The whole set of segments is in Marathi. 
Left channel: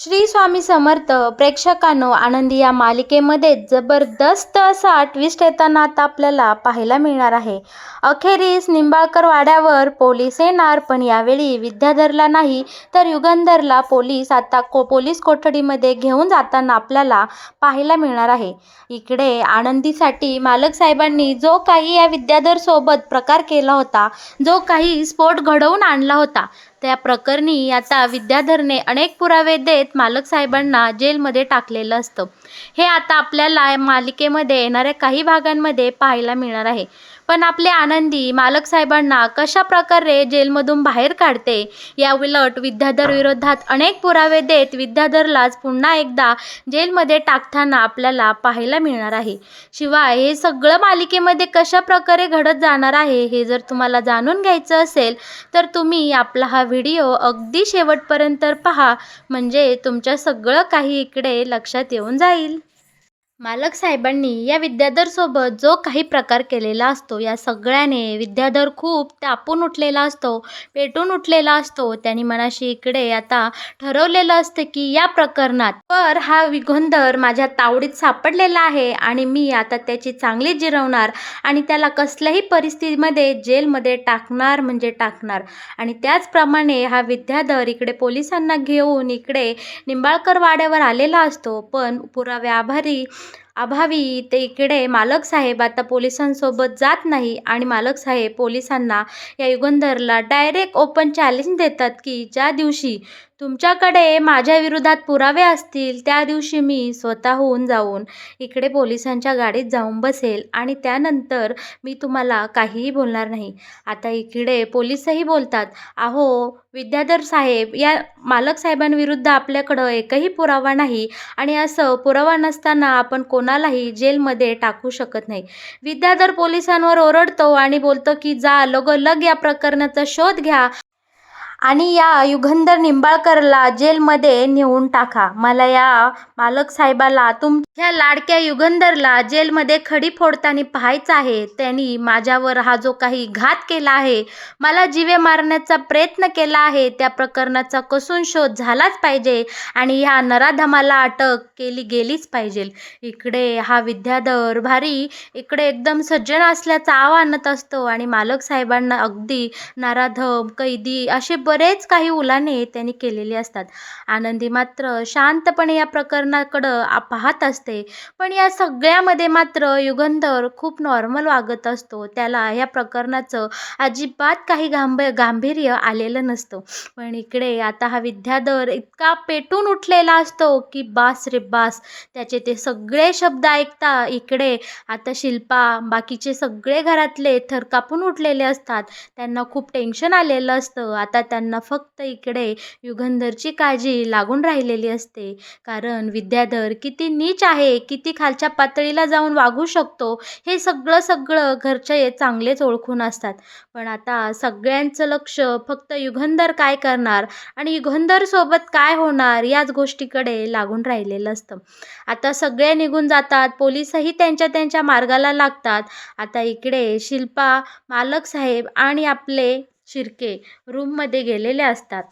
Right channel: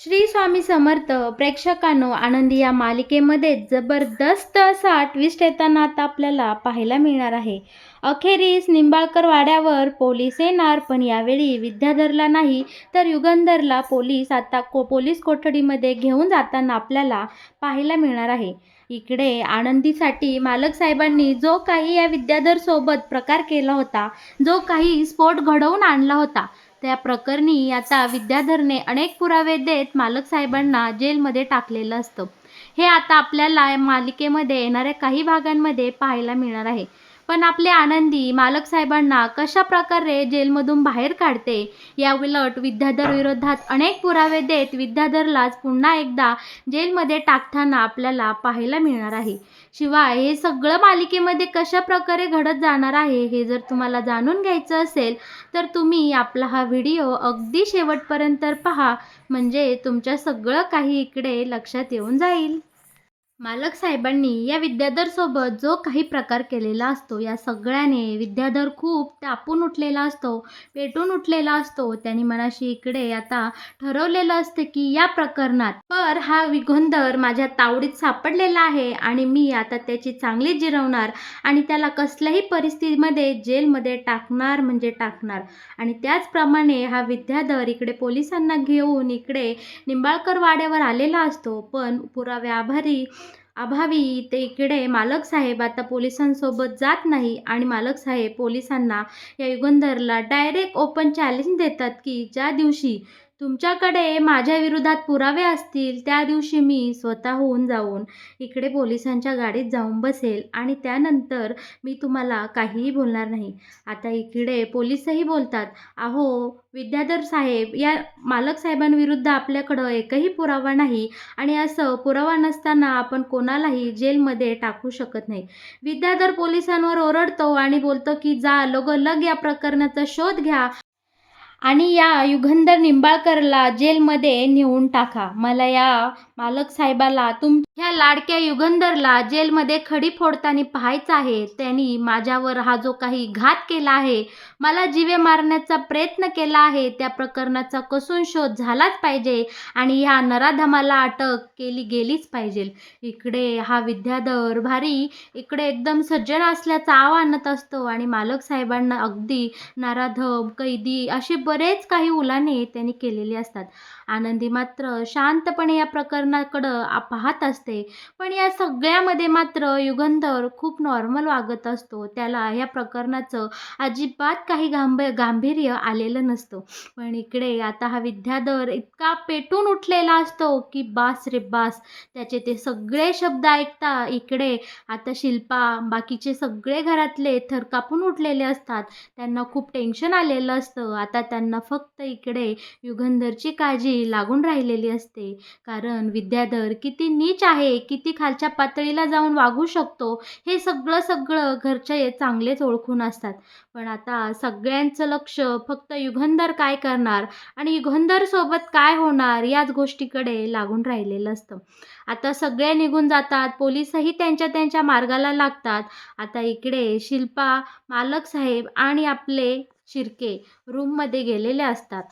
श्री स्वामी समर्थ. प्रेक्षकांनो, आनंदी या मालिकेमध्ये जबरदस्त असा ट्विस्ट येताना आता आपल्याला पाहायला मिळणार आहे. अखेरीस निंबाळकर वाड्यावर पोलीस येणार, पण यावेळी विद्याधरला नाही तर युगंधरला पोलीस आता पोलीस कोठडीमध्ये घेऊन जाताना आपल्याला पाहायला मिळणार आहे. इकडे आनंदीसाठी मालक साहेबांनी जो काही या विद्याधर सोबत प्रकार केला होता, जो काही स्फोट घडवून आणला होता, त्या प्रकरणी आता विद्याधरने अनेक पुरावे देत मालक साहेबांना जेलमध्ये टाकलेलं असतं. हे आता आपल्याला मालिकेमध्ये येणाऱ्या काही भागांमध्ये पाहायला मिळणार आहे. पण आपले आनंदी मालक साहेबांना कशा प्रकारे जेलमधून बाहेर काढते, या उलट विद्याधर विरोधात अनेक पुरावे देत विद्याधरलाच पुन्हा एकदा जेलमध्ये टाकताना आपल्याला पाहायला मिळणार आहे. शिवाय हे सगळं मालिकेमध्ये कशा प्रकारे घडत जाणार आहे हे जर तुम्हाला जाणून घ्यायचं असेल तर तुम्ही आपला हा व्हिडिओ अगदी शेवटपर्यंत पहा, म्हणजे तुमच्या सगळं काही इकडे लक्षात येऊन जाईल. मालक साहेबांनी या विद्याधरसोबत जो काही प्रकार केलेला असतो, या सगळ्याने विद्याधर खूप तापून उठलेला असतो, पेटून उठलेला असतो. त्यांनी मनाशी इकडे आता ठरवलेलं असतं की या प्रकरणात तर हा युगंधर माझ्या तावडीत सापडलेला आहे आणि मी आता त्याची चांगली जिरवणार आणि त्याला कसल्याही परिस्थितीमध्ये जेलमध्ये टाकणार म्हणजे टाकणार. आणि त्याचप्रमाणे हा विद्याधर इकडे पोलिसांना घेऊन इकडे निंबाळकर वाड्यावर आलेला असतो, पण अभावी ते इकडे मालक साहेब आता पोलिसांसोबत जात नाही आणि मालक साहेब पोलिसांना या युगंधरला डायरेक्ट ओपन चॅलेंज देतात की ज्या दिवशी तुमच्याकडे माझ्या विरोधात पुरावे असतील त्या दिवशी मी स्वतःहून जाऊन इकडे पोलिसांच्या गाडीत जाऊन बसेल आणि त्यानंतर मी तुम्हाला काहीही बोलणार नाही. आता इकडे पोलीसही बोलतात, अहो विद्याधर साहेब, या मालक साहेबांविरुद्ध आपल्याकडं एकही पुरावा नाही आणि असं पुरावा नसताना आपण कोणालाही जेलमध्ये टाकू शकत नाही. विद्याधर पोलिसांवर ओरडतो आणि बोलतो की जा लगोलग या प्रकरणाचा शोध घ्या आणि या युगंधर निंबाळकरला जेलमध्ये नेऊन टाका. मला या मालक साहेबाला, तुमच्या लाडक्या युगंधरला जेलमध्ये खडी फोडताना पाहायचं आहे. त्यांनी माझ्यावर हा जो काही घात केला आहे, मला जीवे मारण्याचा प्रयत्न केला आहे, त्या प्रकरणाचा कसून शोध झालाच पाहिजे आणि ह्या नराधमाला अटक केली गेलीच पाहिजे. इकडे हा विद्याधर भारी इकडे एकदम सज्जन असल्याचा आव आणत असतो आणि मालक साहेबांना अगदी नराधम, कैदी असे बरेच काही उलाणे त्यांनी केलेले असतात. आनंदी मात्र शांतपणे या प्रकरणाकडं पाहत असते, पण या सगळ्यामध्ये मात्र युगंधर खूप नॉर्मल वागत असतो. त्याला या प्रकरणाचं अजिबात काही गांभीर्य आलेलं नसतं. पण इकडे आता हा विद्याधर इतका पेटून उठलेला असतो की बास रे बास. त्याचे ते सगळे शब्द ऐकता इकडे आता शिल्पा, बाकीचे सगळे घरातले थरकापून उठलेले असतात. त्यांना खूप टेन्शन आलेलं असतं. आता त्यांना फक्त इकडे युगंधरची काळजी लागून राहिलेली असते, कारण विद्याधर किती नीच आहे, किती खालच्या पातळीला जाऊन वागू शकतो, हे सगळं घरचे चांगलेच ओळखून असतात. पण आता सगळ्यांचं लक्ष फक्त युगंधर काय करणार आणि युगंधर सोबत काय होणार याच गोष्टीकडे लागून राहिलेलं असतं. आता सगळे निघून जातात, पोलीसही त्यांच्या त्यांच्या मार्गाला लागतात. आता इकडे शिल्पा, मालक साहेब आणि आपले शिर्के रूममध्ये गेलेले असतात.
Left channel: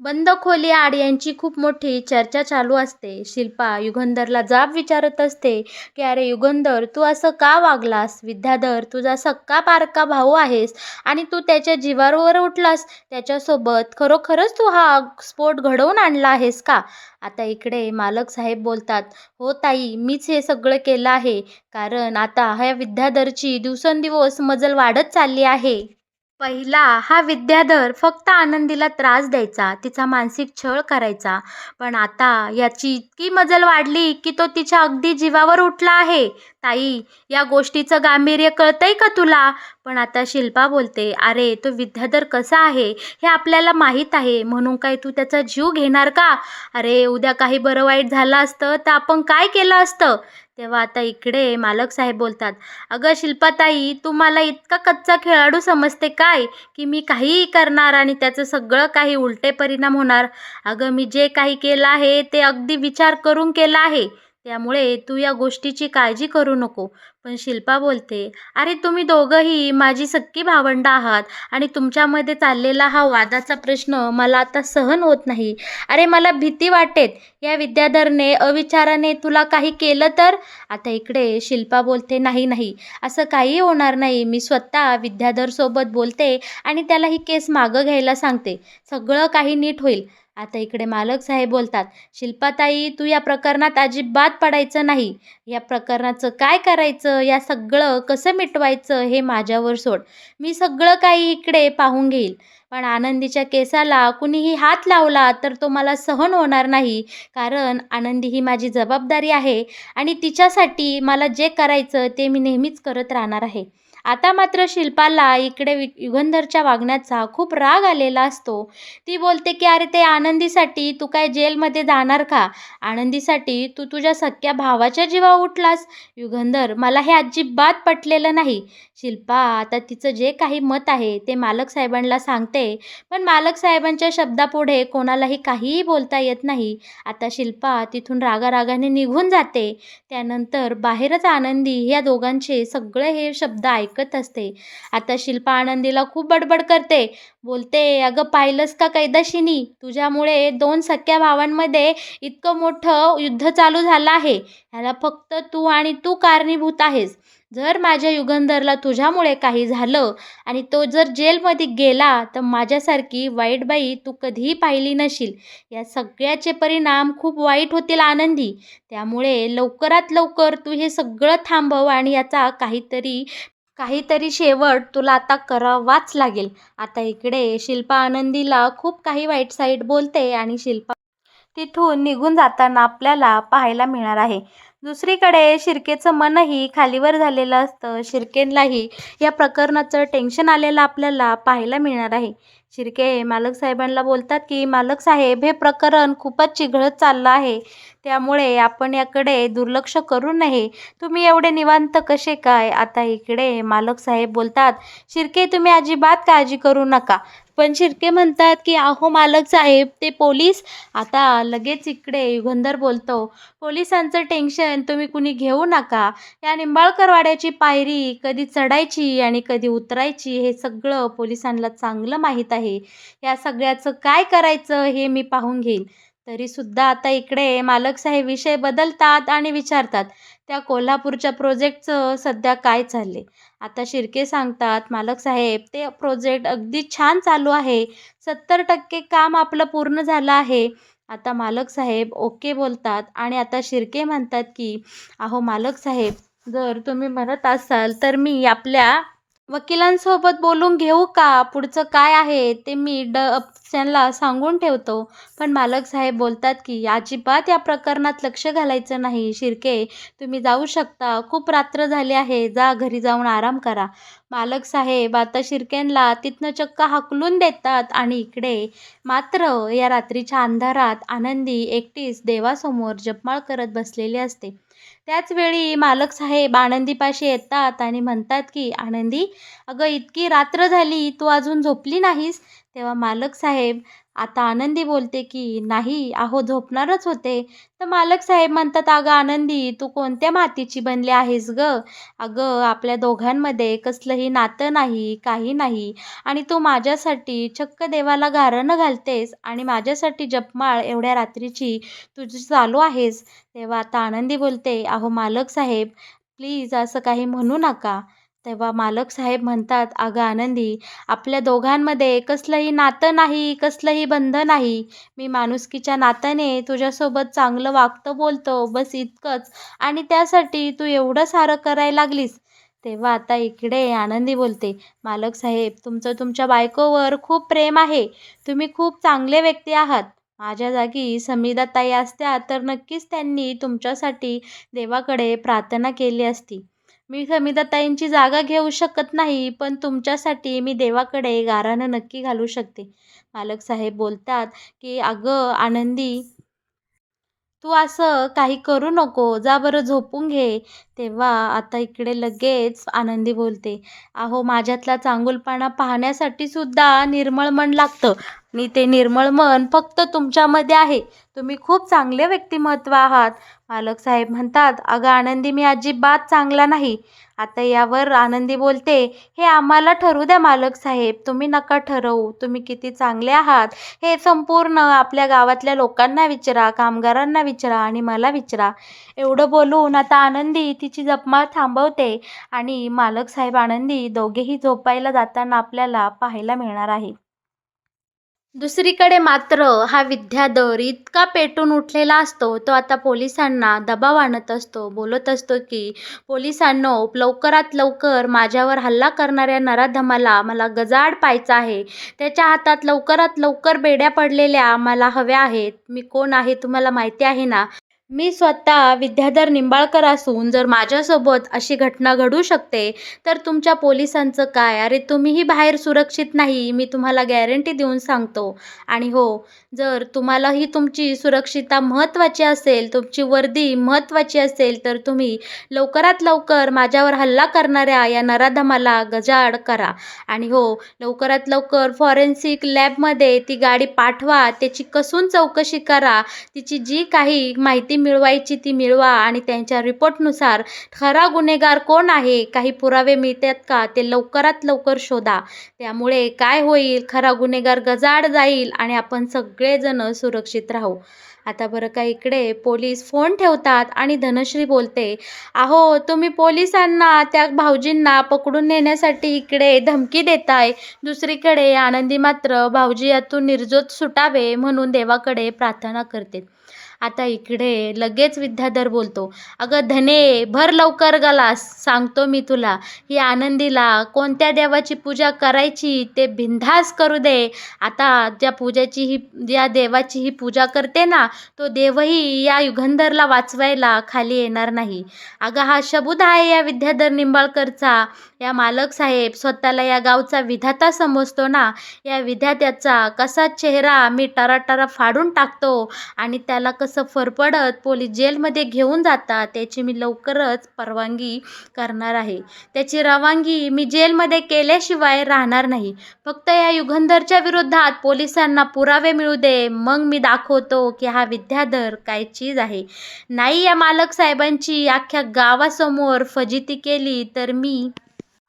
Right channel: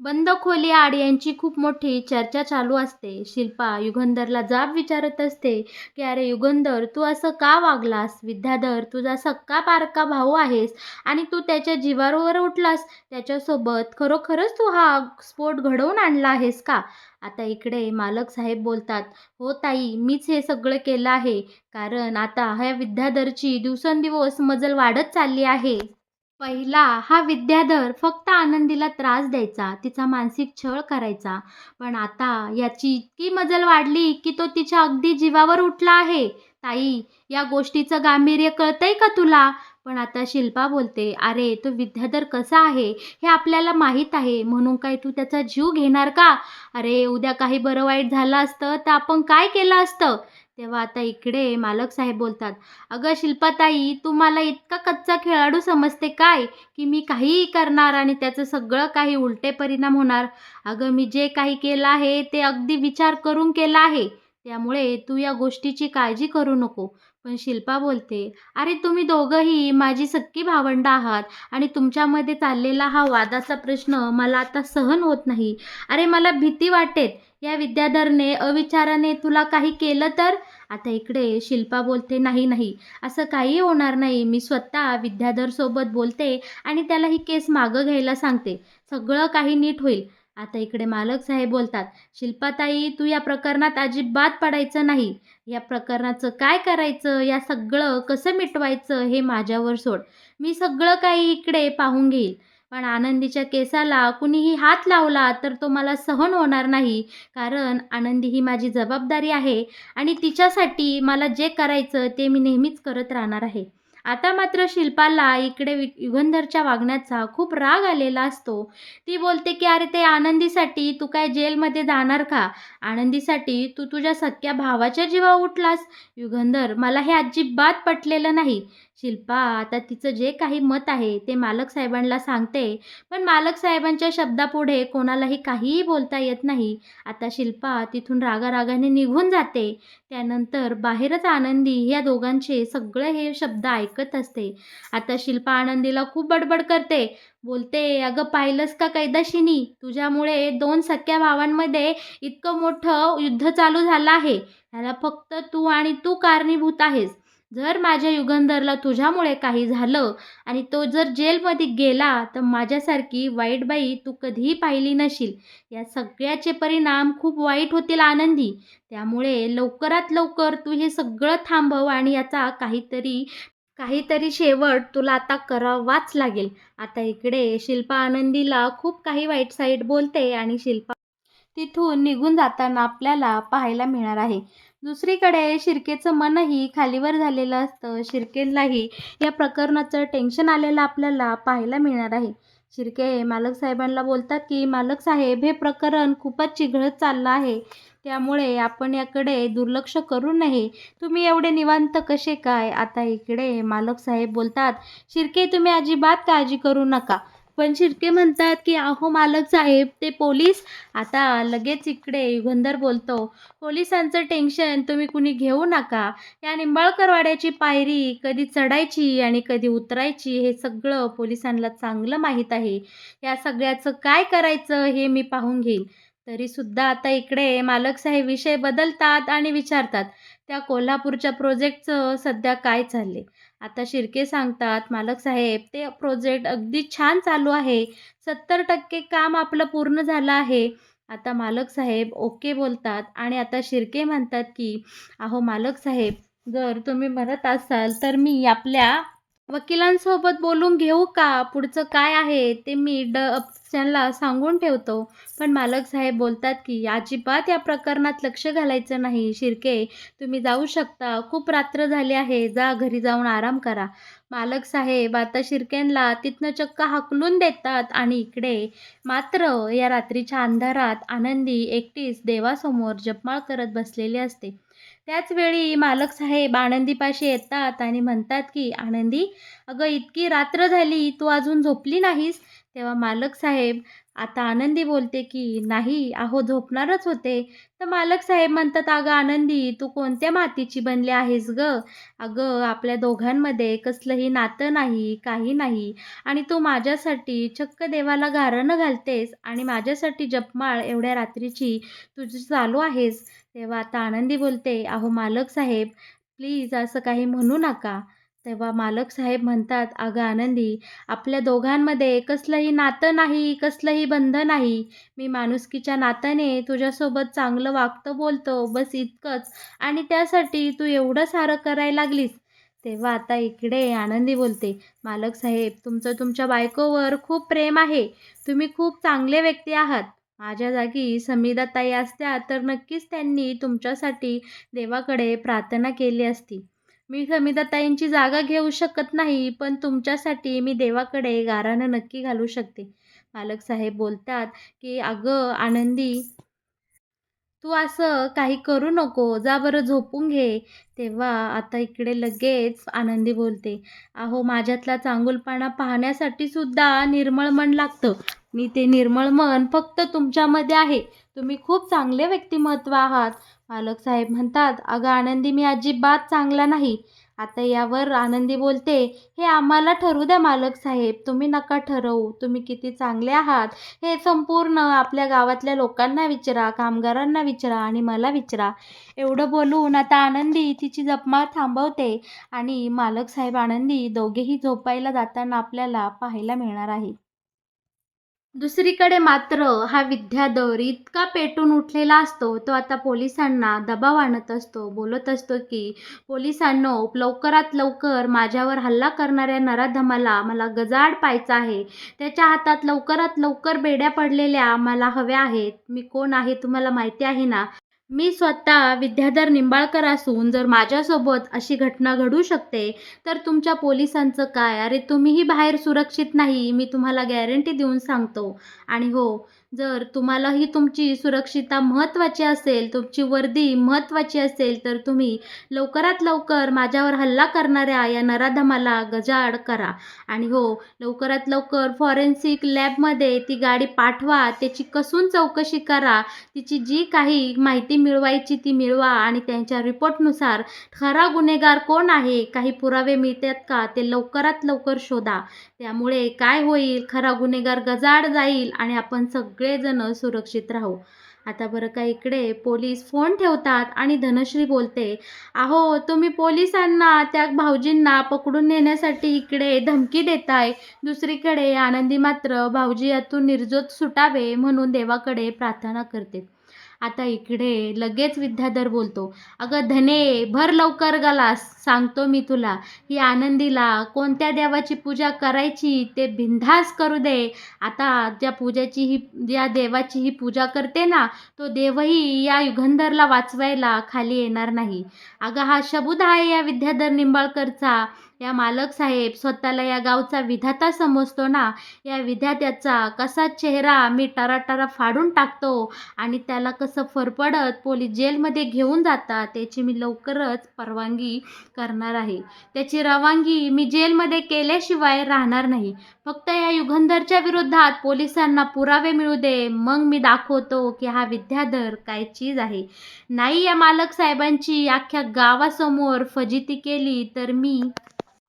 बंद खोलीआड यांची खूप मोठी चर्चा चालू असते. शिल्पा युगंधरला जाब विचारत असते की अरे युगंधर, तू असं का वागलास? विद्याधर तुझा सक्का पारका भाऊ आहेस आणि तू त्याच्या जीवावर उठलास. त्याच्यासोबत खरोखरच तू हा स्फोट घडवून आणला आहेस का? आता इकडे मालक साहेब बोलतात, हो ताई, मीच हे सगळं केलं आहे, कारण आता ह्या विद्याधरची दिवसेंदिवस मजल वाढत चालली आहे. पहिला हा विद्याधर फक्त आनंदीला त्रास द्यायचा, तिचा मानसिक छळ करायचा, पण आता याची इतकी मजल वाढली की तो तिच्या अगदी जीवावर उठला आहे. ताई, या गोष्टीचं गांभीर्य कळतंय का तुला? पण आता शिल्पा बोलते, अरे तो विद्याधर कसा आहे हे आपल्याला माहीत आहे, म्हणून काय तू त्याचा जीव घेणार का? अरे उद्या काही बरं वाईट झालं असतं तर आपण काय केलं असतं? तेव्हा आता इकडे मालक साहेब बोलतात, अगं शिल्पाताई, तू मला इतका कच्चा खेळाडू समजते काय की मी काहीही करणार आणि त्याचं सगळं काही उलटे परिणाम होणार? अगं मी जे काही केलं आहे ते अगदी विचार करून केलं आहे. त्यामुळे तू या गोष्टीची काळजी करू नको. पण शिल्पा बोलते, "अरे तुम्ही दोघंही माझी सख्खी भावंडं आहात आणि तुमच्यामध्ये चाललेला हा वादाचा प्रश्न मला आता सहन होत नाही. अरे मला भीती वाटेल, या विद्याधरने अविचाराने तुला काही केलं तर?" आता इकडे शिल्पा बोलते, "नाही, नाही, असं काहीही होणार नाही. मी स्वतः विद्याधरसोबत बोलते आणि त्याला ही केस मागं घ्यायला सांगते. सगळं काही नीट होईल." आता इकडे मालक साहेब बोलतात, "शिल्पाताई, तू या प्रकरणात अजिबात पडायचं नाही. या प्रकरणाचं काय करायचं, या सगळं कसं मिटवायचं हे माझ्यावर सोड. मी सगळं काही इकडे पाहून घेईल. पण आनंदीच्या केसाला कुणीही हात लावला तर तो मला सहन होणार नाही. कारण आनंदी ही माझी जबाबदारी आहे आणि तिच्यासाठी मला जे करायचं ते मी नेहमीच करत राहणार आहे." आता मात्र शिल्पाला इकडे युगंधरच्या वागण्याचा खूप राग आलेला असतो. ती बोलते की "अरे ते आनंदीसाठी तू काय जेलमध्ये जाणार का? आनंदीसाठी तू तुझ्या सख्ख्या भावाच्या जीवावर उठलास? युगंधर, मला हे अजिबात पटलेलं नाही." शिल्पा आता तिचं जे काही मत आहे ते मालक साहेबांना सांगते. पण मालक साहेबांच्या शब्दापुढे कोणालाही काहीही बोलता येत नाही. आता शिल्पा तिथून रागारागाने निघून जाते. त्यानंतर बाहेरच आनंदी या दोघांचे सगळे हे शब्द ऐकत असते. आता शिल्पा आनंदीला खूप बडबड करते. बोलते, "अगं पाहिलंस का कैदाशिनी? तुझ्यामुळे 2 सख्ख्या भावांमध्ये इतकं मोठं युद्ध चालू झालं आहे. ह्याला फक्त तू कारणीभूत आहेस. जर माझ्या युगंधरला तुझ्यामुळे काही झालं आणि तो जर जेलमध्ये गेला तर माझ्यासारखी वाईट बाई तू कधीही पाहिली नशील. या सगळ्याचे परिणाम खूप वाईट होतील आनंदी. त्यामुळे लवकरात लवकर तू हे सगळं थांबव आणि याचा काहीतरी काहीतरी शेवट तुला आता करावाच लागेल." आता इकडे शिल्पा आनंदीला खूप काही वाईट साईड बोलते आणि शिल्पा तिथून निघून जाताना आपल्याला पाहायला मिळणार आहे. दुसरीकडे शिर्केचं मनही खालीवर झालेलं असतं. शिर्केलाही या प्रकरणाचं टेन्शन आलेलं आपल्याला पाहायला मिळणार आहे. शिर्के मालक साहेबांना बोलतात की "मालक साहेब, हे प्रकरण खूपच चिघळत चाललं आहे. त्यामुळे आपण याकडे दुर्लक्ष करू नये. तुम्ही एवढे निवांत कसे काय?" आता इकडे मालक साहेब बोलतात, "शिर्के, तुम्ही अजिबात काळजी करू नका." पण शिर्के म्हणतात की "अहो मालक साहेब, ते पोलीस." आता लगेच इकडे युगंधर बोलतो, "पोलिसांचं टेन्शन तुम्ही कुणी घेऊ नका. या निंबाळकर वाड्याची पायरी कधी चढायची आणि कधी उतरायची हे सगळं पोलिसांना चांगलं माहीत आहे. या सगळ्याचं काय करायचं हे मी पाहून घेईन." तरीसुद्धा आता इकडे मालक साहेब विषय बदलतात आणि विचारतात, "त्या कोल्हापूरच्या प्रोजेक्टचं सध्या काय चालले?" आता शिर्के सांगतात, "मालक साहेब, ते प्रोजेक्ट अगदी छान चालू आहे. 70% काम आपलं पूर्ण झालं आहे." आता मालक साहेब ओके बोलतात आणि आता शिर्के म्हणतात की "अहो मालक साहेब, जर तुम्ही म्हणत असाल तर मी आपल्या वकिलांसोबत बोलून घेऊ का? पुढचं काय आहे ते मी त्यांना सांगून ठेवतो." पण मालक साहेब बोलतात की "अजिबात या प्रकरणात लक्ष घालायचं नाही. शिर्के, तुम्ही जाऊ शकता. खूप रात्र झाली आहे. जा घरी जाऊन आराम करा." मालक साहेब आता शिर्केंना तिथनं चक्क हाकलून देतात आणि इकडे मात्र या रात्रीच्या अंधारात आनंदी एकटीच देवासमोर जपमाळ करत बसलेली असते. त्याच वेळी मालक साहेब आनंदीपाशी येतात आणि म्हणतात की "आनंदी, अगं इतकी रात्र झाली, तू अजून झोपली नाहीस?" तेव्हा मालक साहेब आता आनंदी बोलते की "नाही, अहो झोपणारच होते." तर मालक साहेब म्हणतात, "अगं आनंदी, तू कोणत्या मातीची बनली आहेस गं? अगं आपल्या दोघांमध्ये कसलंही नातं नाही, काही नाही आणि तू माझ्यासाठी चक्क देवाला गाऱ्हाणं घालतेस आणि माझ्यासाठी जपमाळ एवढ्या रात्रीची तुझी चालू आहेस." तेव्हा आता आनंदी बोलते, "अहो मालक साहेब, प्लीज असं काही म्हणू नका." तेव्हा मालक साहेब म्हणतात, "अगं आनंदी, आपल्या दोघांमध्ये कसलंही नातं नाही, कसलंही बंध नाही. मी माणुसकीच्या नात्याने तुझ्यासोबत चांगलं वागतो बोलतो, बस इतकंच. आणि त्यासाठी तू एवढं सारं करायला लागलीस." तेव्हा आता इकडे आनंदी बोलते, "मालक साहेब, तुमचं तुमच्या बायकोवर खूप प्रेम आहे. तुम्ही खूप चांगले व्यक्ती आहात. माझ्या जागी समीराताई असत्या तर नक्कीच त्यांनी तुमच्यासाठी देवाकडे प्रार्थना केली असती. मी समीराताईंची जागा घेऊ शकत नाही, पण तुमच्यासाठी मी देवाकडे गाऱ्हाणं नक्की घालू शकते." मालक साहेब बोलतात की "अगं आनंदी, तू असं काही करू नको, जा बरं झोपून घे. तेव्हा आता इकडे लगेच आनंदी बोलते, अहो माझ्यातला चांगुलपणा पाहण्यासाठी सुद्धा निर्मळ मन लागतं आणि ते निर्मळ मन फक्त तुमच्यामध्ये आहे. तुम्ही खूप चांगले व्यक्तिमत्व आहात. मालक साहेब म्हणतात, अगं आनंदी मी अजिबात चांगला नाही. आता यावर आनंदी बोलते, हे आम्हाला ठरवू द्या मालक साहेब, तुम्ही नका ठरवू. तुम्ही किती चांगले आहात हे संपूर्ण आपल्या गावातल्या लोकांना विचारा, कामगारांना विचारा आणि मला विचारा. एवढं बोलून आता आनंदी तिची जपमाळ थांबवते आणि मालक साहेब आनंदी दोघेही झोपायला जाताना आपल्याला पाहायला मिळणार आहे. दुसरीकडे मात्र हा विद्याधर इतका पेटून उठलेला असतो, तो आता पोलिसांना दबाव आणत असतो. बोलत असतो की, पोलिसांनो लवकरात लवकर माझ्यावर हल्ला करणाऱ्या नराधमाला मला गजाआड पाहायचा आहे. त्याच्या हातात लवकरात लवकर बेड्या पडलेल्या मला हव्या आहेत. मी कोण आहे तुम्हाला माहिती आहे ना? मी स्वतः विद्याधर निंबाळकर असून जर माझ्यासोबत अशी घटना घडू शकते, तर तुमच्या पोलिसांचं काय? अरे तुम्हीही बाहेर सुरक्षित नाही, मी तुम्हाला गॅरंटी देऊन सांगतो. आणि हो, जर तुम्हालाही तुमची सुरक्षितता महत्त्वाची असेल, तुमची वर्दी महत्त्वाची असेल, तर तुम्ही लवकरात लवकर माझ्यावर हल्ला करणाऱ्या या नराधमाला गजाआड करा. आणि हो, लवकरात लवकर फॉरेन्सिक लॅबमध्ये ती गाडी पाठवा, त्याची कसून चौकशी करा. तिची जी काही माहिती मिळवायची ती मिळवा आणि त्यांच्या रिपोर्टनुसार खरा गुन्हेगार कोण आहे, काही पुरावे मिळतात का, ते लवकरात लवकर शोधा. त्यामुळे काय होईल, खरा गुन्हेगार गजाआड जाईल आणि आपण सगळेजण सुरक्षित राहू. आता बरं का इकडे पोलीस फोन ठेवतात आणि धनश्री बोलते, अहो तुम्ही पोलिसांना त्या भाऊजींना पकडून नेण्यासाठी इकडे धमकी देताय. दुसरीकडे आनंदी मात्र भाऊजी यातून निर्दोष सुटावे म्हणून देवाकडे प्रार्थना करते. आता इकडे लगेच विद्याधर बोलतो, अगं धने भर लवकर गलास, सांगतो मी तुला. ही आनंदीला कोणत्या देवाची पूजा करायची ते बिनधास्त करू दे. आता ज्या देवाची ही पूजा करते ना, तो देवही या युगंधरला वाचवायला खाली येणार नाही. अगं हा शबूत आहे या विद्याधर निंबाळकरचा. या मालक साहेब स्वतःला या गावचा विधाता समजतो ना, या विधात्याचा कसा चेहरा मी टराटरा फाडून टाकतो आणि त्याला कसं फरफडत पोलीस जेलमध्ये घेऊन जातात, त्याची मी लवकरच परवानगी करणार आहे. त्याची रवानगी मी जेलमध्ये केल्याशिवाय राहणार नाही. फक्त या युगंधरच्या विरोधात पोलिसांना पुरावे मिळू दे, मग मी दाखवतो की हा विद्याधर काय चीज आहे. नाही या मालक साहेबांची अख्ख्या गावासमोर फजिती केली तर मी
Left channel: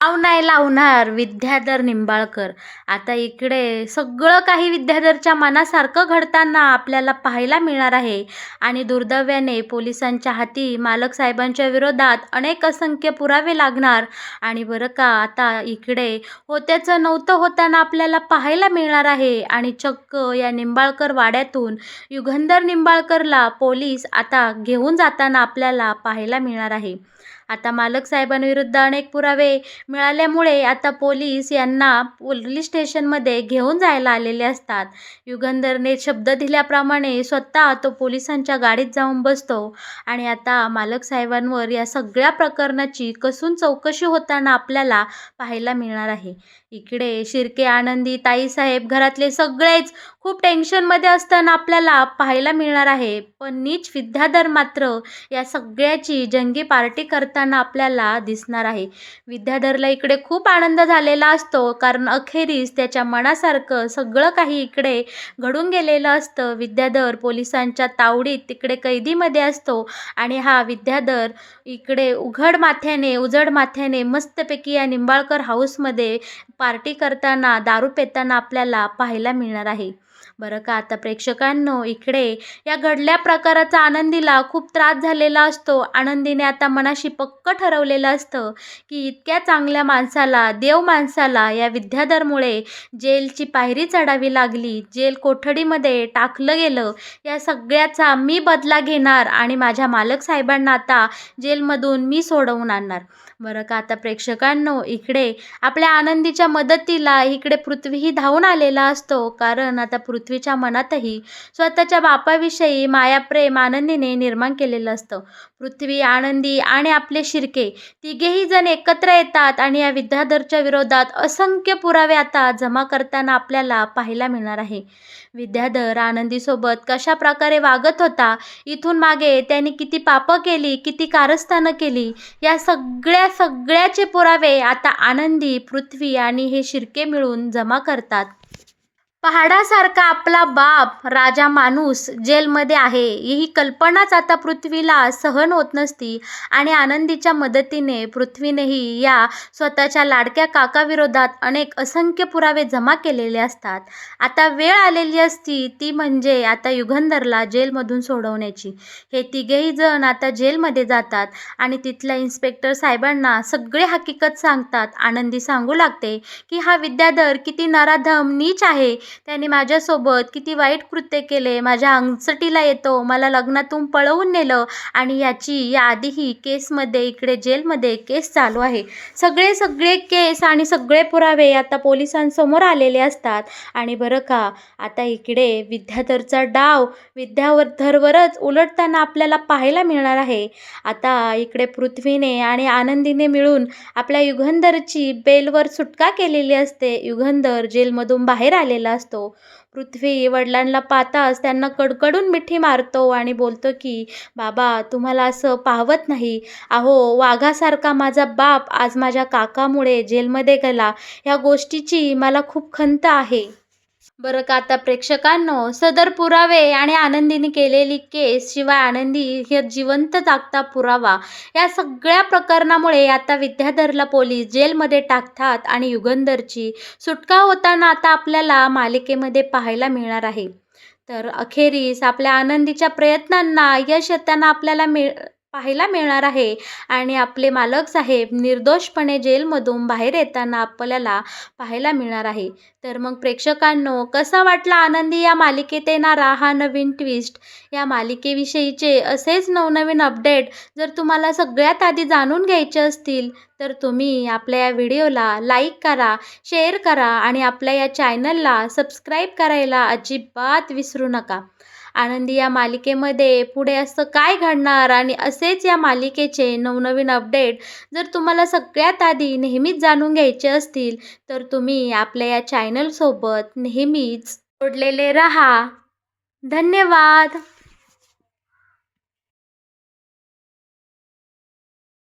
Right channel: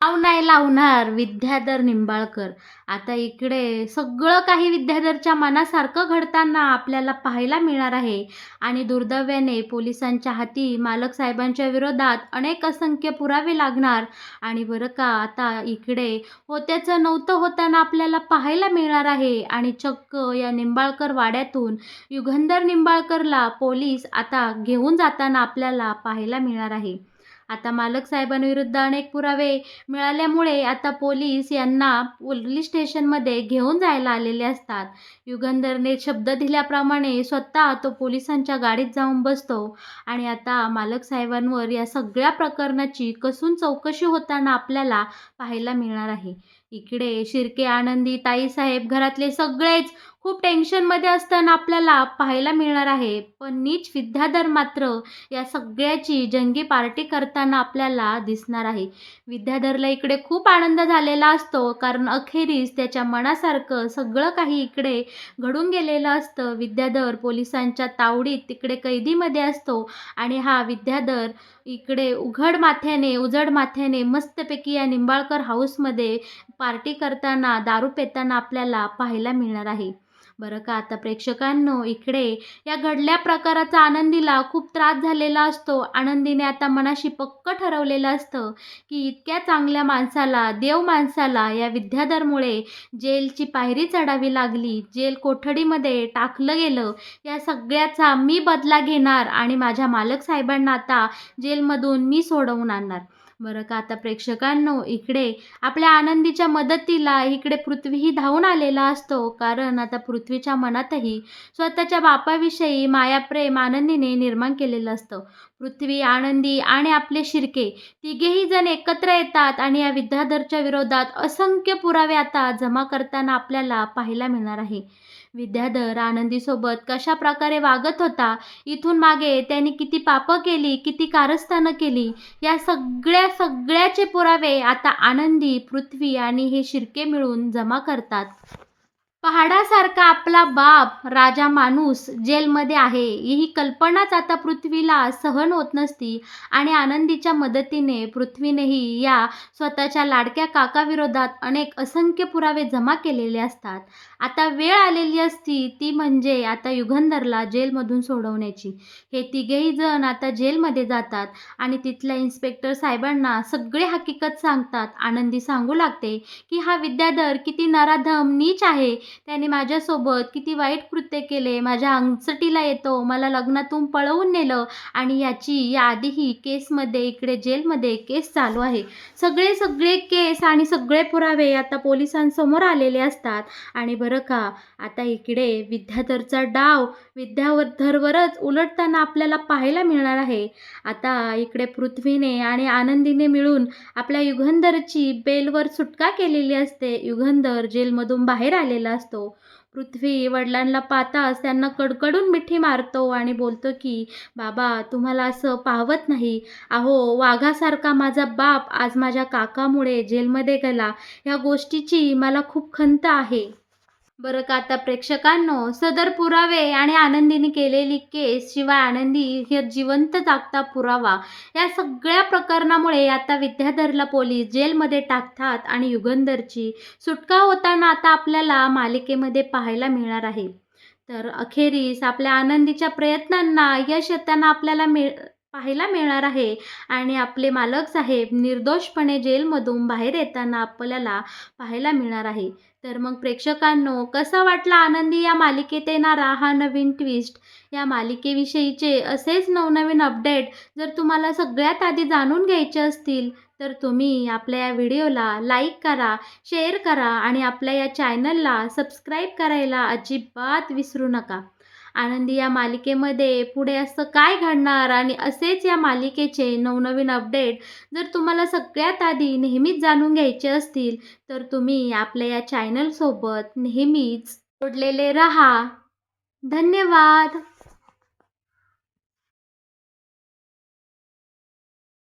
नाव नाही लावणार विद्याधर निंबाळकर. आता इकडे सगळं काही विद्याधरच्या मनासारखं घडताना आपल्याला पाहायला मिळणार आहे आणि दुर्दैवाने पोलिसांच्या हाती मालक साहेबांच्या विरोधात अनेक असंख्य पुरावे लागणार. आणि बरं का आता इकडे होत्याचं नव्हतं होताना आपल्याला पाहायला मिळणार आहे आणि चक्क या निंबाळकर वाड्यातून युगंधर निंबाळकरला पोलीस आता घेऊन जाताना आपल्याला पाहायला मिळणार आहे. आता मालक साहेबांविरुद्ध अनेक पुरावे मिळाल्यामुळे आता पोलीस यांना पोलीस स्टेशनमध्ये घेऊन जायला आलेले असतात. युगंधरने शब्द दिल्याप्रमाणे स्वतः तो पोलिसांच्या गाडीत जाऊन बसतो आणि आता मालक साहेबांवर या सगळ्या प्रकरणाची कसून चौकशी होताना आपल्याला पाहायला मिळणार आहे. इकडे शिर्के, आनंदी, ताईसाहेब घरातले सगळेच खूप टेन्शनमध्ये असताना आपल्याला पाहायला मिळणार आहे. पण नीच विद्याधर मात्र या सगळ्याची जंगी पार्टी करताना आपल्याला दिसणार आहे. विद्याधरला इकडे खूप आनंद झालेला असतो, कारण अखेरीस त्याच्या मनासारखं सगळं काही इकडे घडून गेलेलं असतं. विद्याधर पोलिसांच्या तावडीत तिकडे कैदीमध्ये असतो आणि हा विद्याधर इकडे उजड माथ्याने मस्तपैकी या निंबाळकर हाऊसमध्ये पार्टी करताना, दारू पिताना आपल्याला पाहायला मिळणार आहे. बरं का आता प्रेक्षकांनो इकडे या घडल्या प्रकाराचा आनंदीला खूप त्रास झालेला असतो. आनंदीने आता मनाशी पक्क ठरवलेलं असतं की इतक्या चांगल्या माणसाला, देव माणसाला या विद्याधरमुळे जेलची पायरी चढावी लागली, जेल कोठडीमध्ये टाकलं गेलं. या सगळ्याचा मी बदला घेणार आणि माझ्या मालक साहेबांना आता जेलमधून मी सोडवून आणणार. बरं का आता प्रेक्षकांनो इकडे आपल्या आनंदीच्या मदतीला इकडे पृथ्वीही धावून आलेला असतो, कारण आता पृथ्वीच्या मनातही स्वतःच्या बापाविषयी मायाप्रेम आनंदीने निर्माण केलेलं असतं. पृथ्वी, आनंदी आणि आपले शिर्के तिघेही जण एकत्र येतात आणि या विद्याधरच्या विरोधात असंख्य पुरावे आता जमा करताना आपल्याला पाहायला मिळणार आहे. विद्याधर आनंदीसोबत कशा प्रकारे वागत होता, इथून मागे त्याने किती पापं केली, किती कारस्थानं केली, या सगळ्याचे पुरावे आता आनंदी, पृथ्वी आणि हे शिर्के मिळून जमा करतात. पहाडासारखा आपला बाप राजा माणूस जेलमध्ये आहे ही कल्पनाच आता पृथ्वीला सहन होत नसती आणि आनंदीच्या मदतीने पृथ्वीनेही या स्वतःच्या लाडक्या काकाविरोधात असंख्य पुरावे जमा केलेले असतात. आता वेळ आलेली असती ती म्हणजे आता युगंधरला जेलमधून सोडवण्याची. हे तिघेही जण आता जेलमध्ये जातात आणि तिथल्या इन्स्पेक्टर साहेबांना सगळे हकीकत सांगतात. आनंदी सांगू लागते की हा विद्याधर किती नराधम नीच आहे, त्याने माझ्यासोबत किती वाईट कृत्य केले, माझ्या अंगचटीला येतो, मला लग्नातून पळवून नेलं आणि याची याआधीही केसमध्ये इकडे जेलमध्ये केस चालू आहे. सगळे केस आणि सगळे पुरावे आता पोलिसांसमोर आलेले असतात. आणि बरं का, आता इकडे विद्याधरचा डाव विद्याधरवरच उलटताना आपल्याला पाहायला मिळणार आहे. आता इकडे पृथ्वीने आणि आनंदीने मिळून आपल्या युगंधरची बेलवर सुटका केलेली असते. युगंधर जेलमधून बाहेर आलेला असतो. पृथ्वी वडिलांना पाहताच त्यांना कडकडून मिठी मारतो आणि बोलतो की बाबा, तुम्हाला असं पाहवत नाही. अहो, वाघासारखा माझा बाप आज माझ्या काकामुळे जेलमध्ये गेला, ह्या गोष्टीची मला खूप खंत आहे. बरं का, आता प्रेक्षकांनो, सदर पुरावे आणि आनंदीने केलेली केस शिवाय आनंदी हे जिवंत जागता पुरावा या सगळ्या प्रकरणामुळे आता विद्याधरला पोलीस जेलमध्ये टाकतात आणि युगंधरची सुटका होताना आता आपल्याला मालिकेमध्ये पाहायला मिळणार आहे. तर अखेरीस आपल्या आनंदीच्या प्रयत्नांना यश येताना आपल्याला पाहायला मिळणार आहे आणि आपले मालक साहेब निर्दोषपणे जेलमधून बाहेर येताना आपल्याला पाहायला मिळणार आहे. तर मग प्रेक्षकांनो, कसा वाटला आनंदी या मालिकेत येणारा हा नवीन ट्विस्ट? या मालिकेविषयीचे असेच नवनवीन अपडेट जर तुम्हाला सगळ्यात आधी जाणून घ्यायचे असतील तर तुम्ही आपल्या या व्हिडिओला लाईक करा, शेअर करा आणि आपल्या या चॅनलला सबस्क्राईब करायला अजिबात विसरू नका. आनंदी या मालिकेमध्ये पुढे असं काय घडणार आणि असेच या मालिकेचे नवनवीन अपडेट जर तुम्हाला सगळ्यात आधी नेहमीच जाणून घ्यायचे असतील तर तुम्ही आपल्या या चॅनलसोबत नेहमीच जोडलेले रहा. धन्यवाद.